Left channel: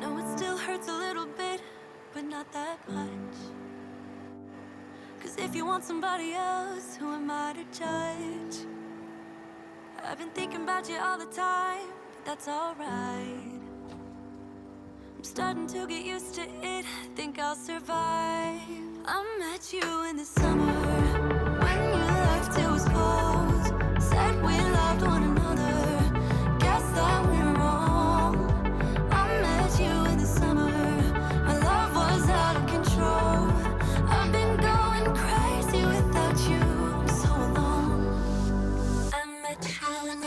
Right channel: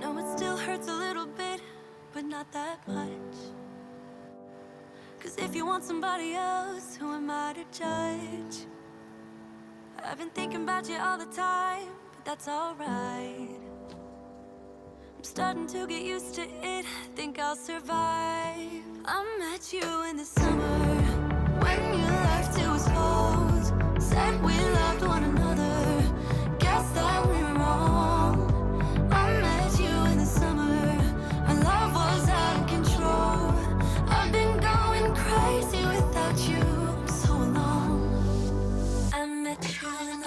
know it still hurts a little bit, but not that much. 'Cause if you want somebody else, who am I to judge? I've been thinking about you all the time, but that's alright. I'm starting to get used to it, think I'll survive. I met you in the summer, when you left it was cold. Said we loved one another, guess that we were wrong. I met you in the summer, our love was out of control. I've been going crazy without you, I'm so alone. I met you in the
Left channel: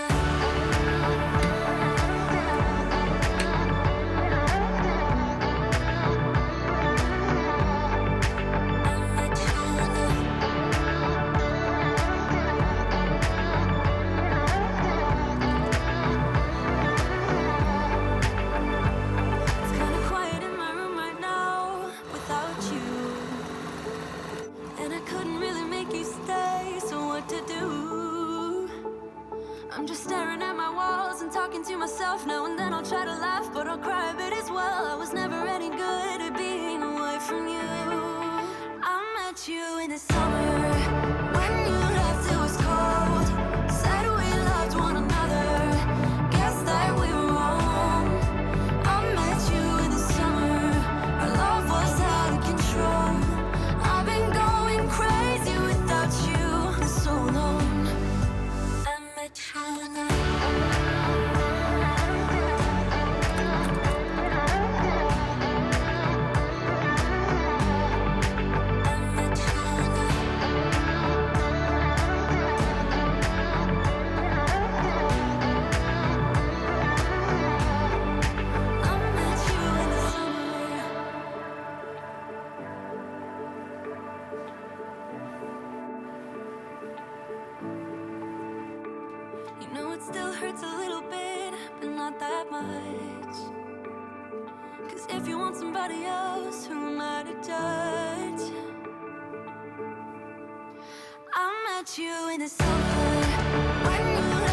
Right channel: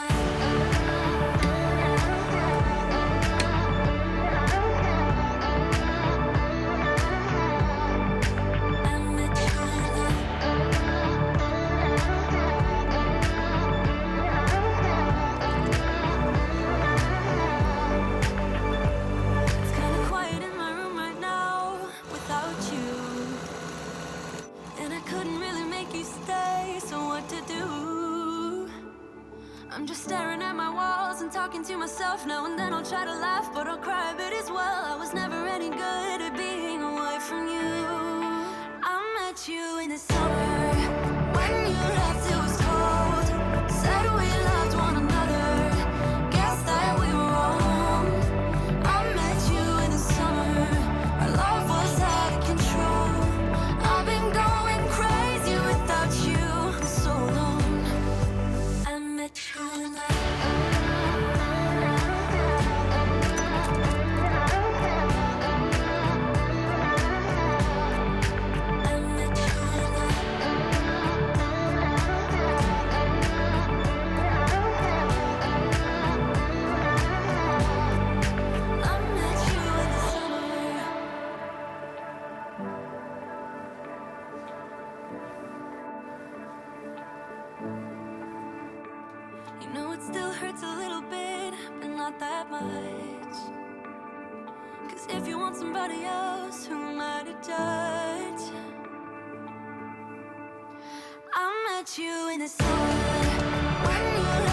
I'm just staring at my walls and talking to myself. Now and then I'll try to laugh, but I'll cry a bit as well. I was never any good at being away from you. I met you in the summer, when you left it was cold. Said we loved one another, guess that we were wrong. I met you in the summer, our love was out of control. I've been going crazy without you, I'm so alone. I met you in the You know it still hurts a little bit, but not that much. 'Cause if you want somebody else, who am I to judge? I met you in the summer, when you